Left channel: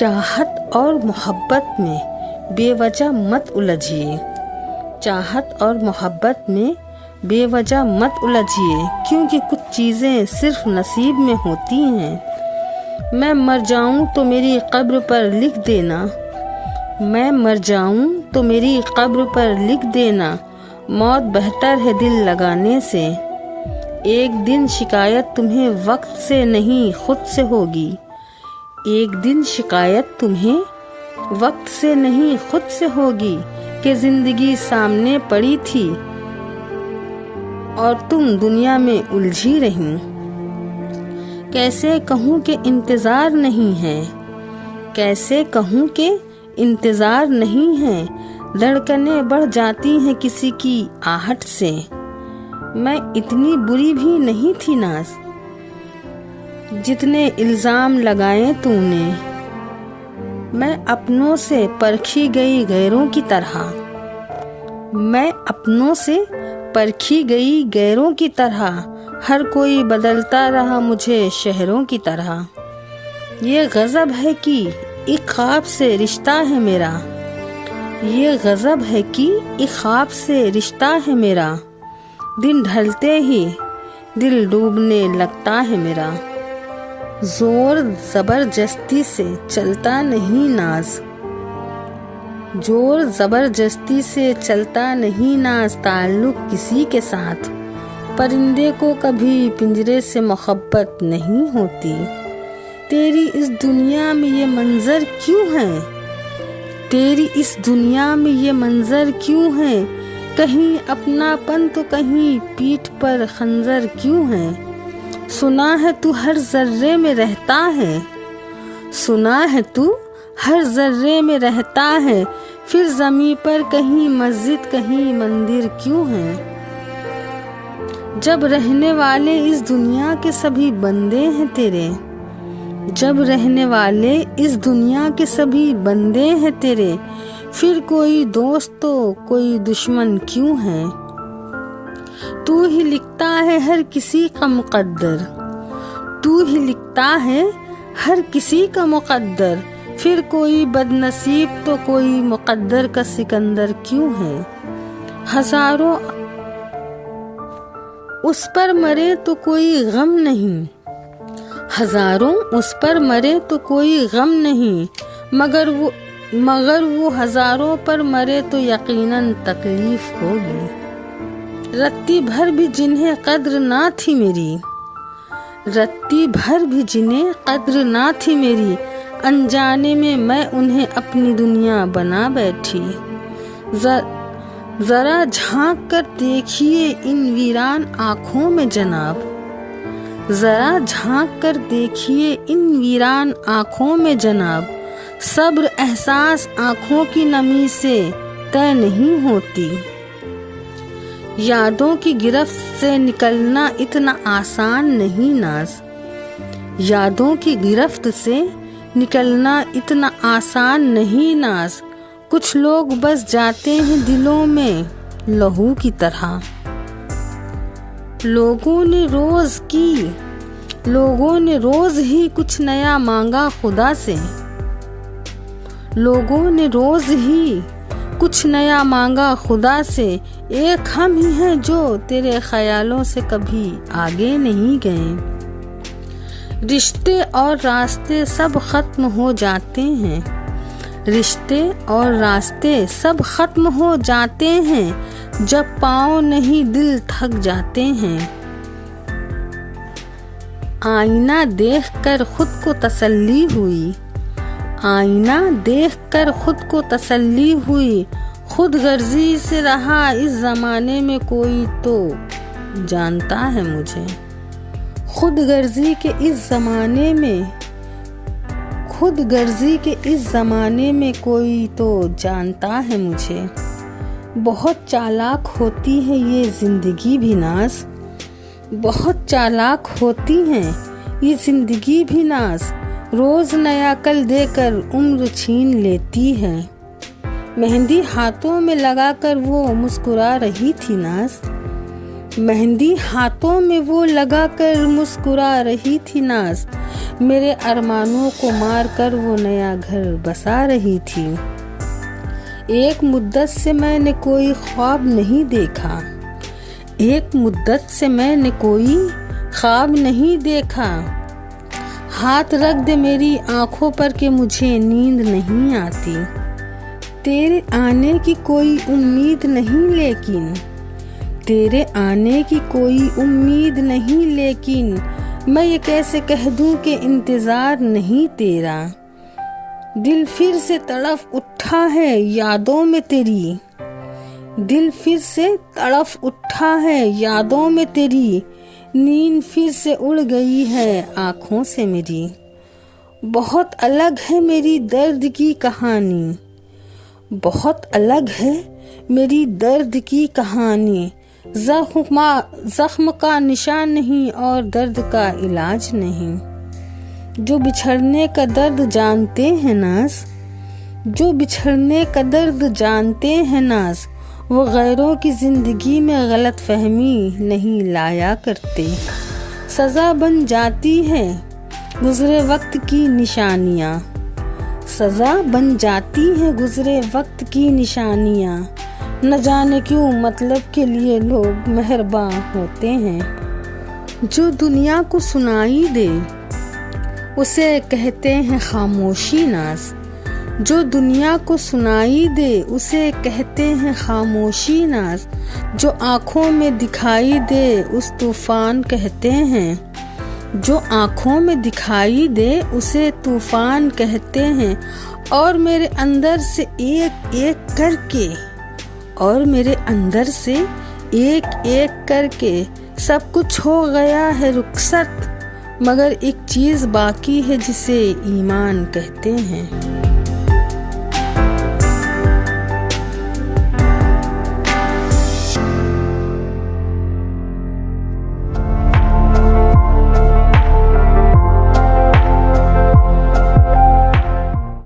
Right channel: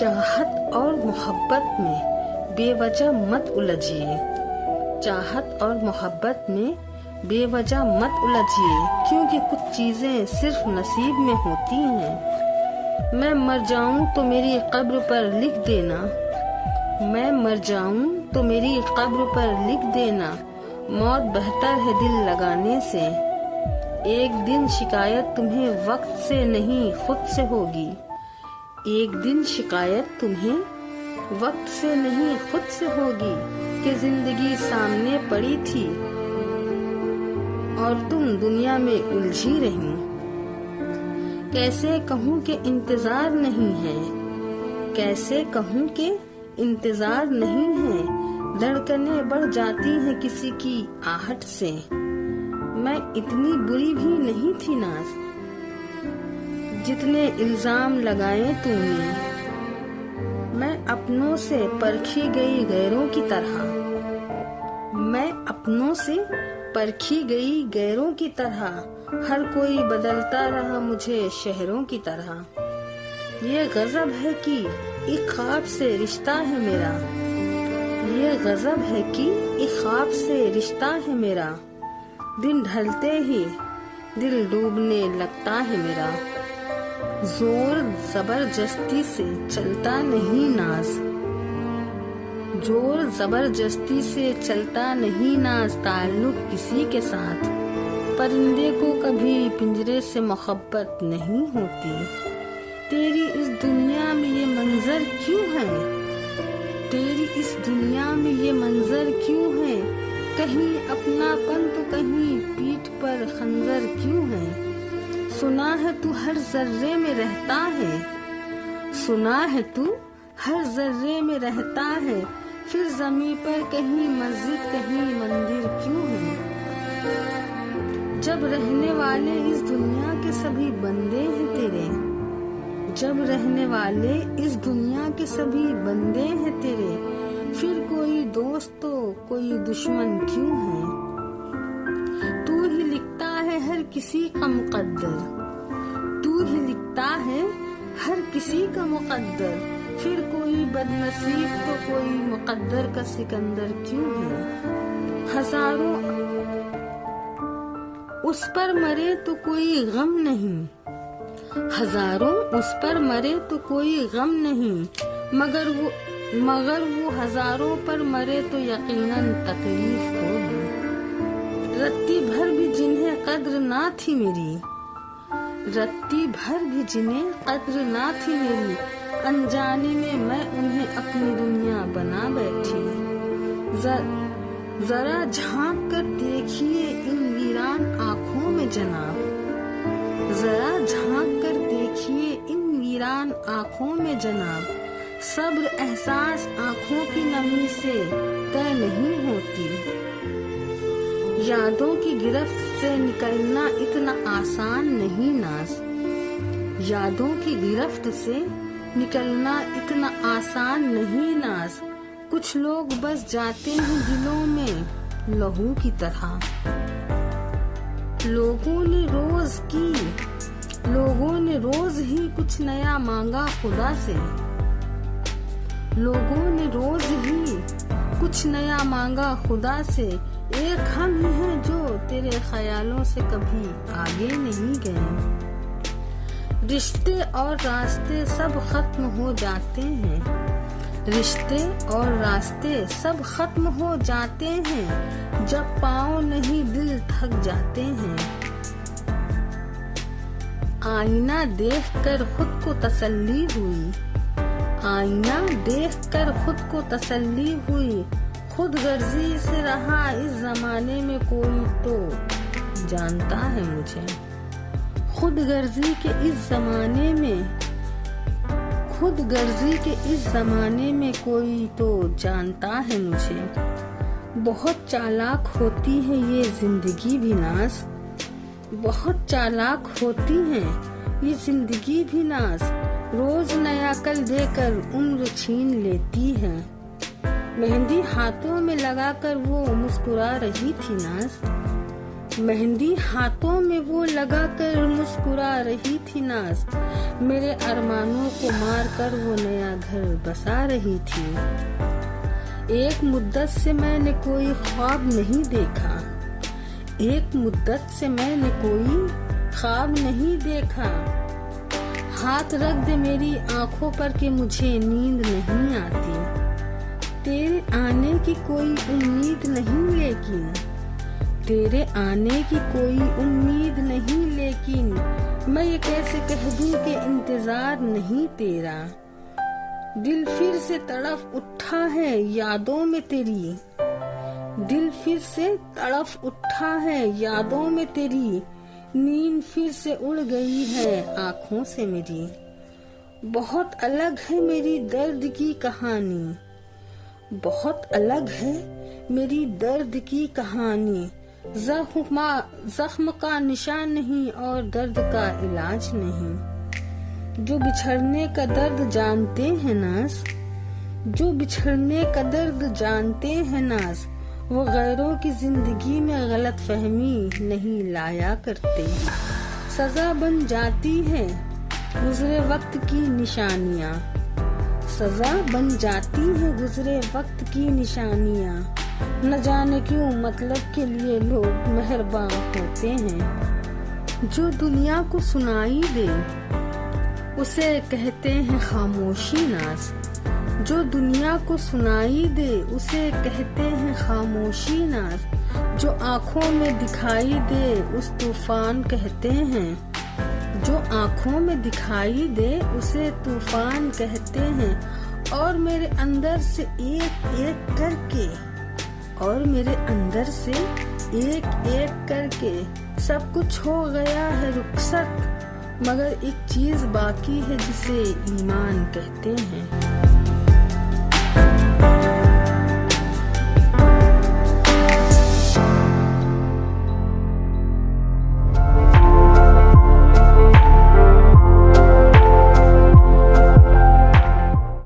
चाहत और मोहब्बत में बेवजह मत उलझिए। चाहत और मोहब्बत में बेवजह मत उलझिए, क्योंकि कुछ चीज़ें सिर्फ नसीब में होती हैं। मैं मर जाऊं तो मेरी कब्र पर लिख देना, मैं मर जाऊं तो मेरी कब्र पर लिख देना, मौत बेहतर है दिल लगाने से। एक दिन शिकायत तुम्हें वक्त से नहीं खुद से होगी, एक दिन शिकायत तुम्हें वक्त से नहीं खुद से होगी कि जिंदगी सामने पड़ी थी और तुम दुनिया में उलझी रही। कैसे कहूँ कि इंतज़ार नहीं है, कैसे कहूँ कि इंतज़ार नहीं है, धड़कनें बढ़ जाती हैं किसी की आहट से। मैं इतनी बुरी भी नहीं थी नाज़, जितने इल्ज़ाम लगाए तूने। मैं अपनों से परखी गई गैरों की तरह, मैं अपनों से परखी गई गैरों की तरह, हर कोई बदलता रहा मुझे शहरों की तरह। ये गज़ब है कि एक ख्वाब से रिश्ता है मेरा, ये गज़ब है कि एक ख्वाब से रिश्ता है मेरा। दिन ढलते ही दिल डूबने लगता है मेरा। जोर जबरदस्ती से चलता नहीं नाज, जोर जबरदस्ती से चलता नहीं नाज, ताल्लुक किसी के साथ। परिंदे को कभी पिंजरे से मोहब्बत नहीं होती। तेरी इस दुनिया में ये मंजर क्यों है, तेरी इस दुनिया में ये मंजर क्यों है, कहीं अपनापन तो कहीं पीठ पर खंजर क्यों है। सुना है तू हर जर्रे में रहता है, सुना है तू हर जर्रे में रहता है, फिर ज़मीं पर कहीं मस्जिद कहीं मंदिर क्यों है। जब रहने वाले इस दुनिया के सभी बंदे हैं तेरे, जब रहने वाले इस दुनिया के सभी बंदे हैं तेरे, फिर कोई दोस्त तो कोई दुश्मन क्यों है। तू ही लिखता है हर किसी का मुकद्दर, तू ही लिखता है हर किसी का मुकद्दर, फिर कोई बदनसीब तो कोई मुकद्दर का सिकंदर क्यों है। हजारों उस पर मरे तो कोई गम नहीं, हजारों उस पर मरे तो कोई गम नहीं, मगर वो हजारों पर मरे तो यकीनन तकलीफ होगी। रत्ती भर भी जिन्हें कद्र ना थी मेरी, रत्ती भर भी जिन्हें कद्र ना थी मेरी, अनजाने में मैं उन्हें अपनी दुनिया बना बैठी। जरा झांक कर देखिए इन वीरान आँखों में जनाब, जरा झांक कर देखिए इन वीरान आँखों में जनाब। सब्र एहसास आँखों की नमी से तय नहीं होती, यादों की गिरफ्त से निकलना इतना आसान नहीं नाज, यादों की गिरफ्त से निकलना इतना आसान नहीं नाज। कुछ लोग बस जाते हैं दिलों में लहू की तरह। लोगों ने रोज ही कुछ नया मांगा खुदा से, लोगों ने रोज ही कुछ नया मांगा खुदा से। एक हम ही हैं जो तेरे ख्यालों से कभी आगे नहीं गए। रिश्ते और रास्ते सब खत्म हो जाते हैं, रिश्ते और रास्ते सब खत्म हो जाते हैं, जब पाँव नहीं दिल थक जाते हैं। आईना देखकर खुद को तसल्ली हुई, आईना देखकर खुद को तसल्ली हुई। खुद गर्जी से रहा इस जमाने में कोई तो जानता है मुझे, खुद गर्जी के इस जमाने में, खुद गर्जी के इस जमाने में कोई तो जानता है मुझे। बहुत चालाक होती है ये जिंदगी भी नाज, बहुत चालाक होती है ये जिंदगी भी नाज। रोज नया कल देकर उम्र छीन लेती है। मेहंदी हाथों में लगाकर वो मुस्कुरा रही थी नाज, मेहंदी हाथों में वो लगाकर मुस्कुरा रही थी नाज। मेरे अरमानों को मार कर वो नया घर बसा रही थी। एक मुद्दत से मैंने कोई ख्वाब नहीं देखा, एक मुद्दत से मैंने कोई ख्वाब नहीं देखा। हाथ रख दे मेरी आंखों पर कि मुझे नींद नहीं आती। तेरे आने की कोई उम्मीद नहीं, लेकिन तेरे आने की कोई उम्मीद नहीं, लेकिन मैं ये कैसे कह दूं कि इंतजार नहीं तेरा। दिल फिर से तड़फ उठा है यादों में तेरी, दिल फिर से तड़फ उठा है यादों में तेरी। नींद फिर से उड़ गई है आँखों से मेरी। बहुत अलग है मेरी दर्द की कहानी, बहुत अलग है मेरी दर्द की कहानी। जख्म का निशान नहीं और दर्द का इलाज नहीं। जो बिछड़ने का दर्द जानते हैं नाज़, जो बिछड़ने का दर्द जानते हैं नाज़, वो गैरों की जिंदगी में गलत फहमी नहीं लाया करते। सज़ा बन जाती है गुजरे वक्त की निशानियाँ, सज़ा बन जाती है गुजरे वक्त की निशानियाँ। न जाने क्यों मतलब के लिए लोग मेहरबान होते हैं। जो दुनिया को सुनाई दे उसे कहते हैं खामोशी नाज़, जो दुनिया को सुनाई दे उसे कहते हैं खामोशी नाज़। जो आँखों में दिखाई दे उस तूफान कहते हैं, जो आँखों में दिखाई दे उसे तूफान कहते हैं। और मेरे अंदर से एक एक करके, और मेरे अंदर से एक एक करके सब कुछ हो गया है रुखसत, मगर एक चीज़ बाकी है जिसे ईमान कहते हैं।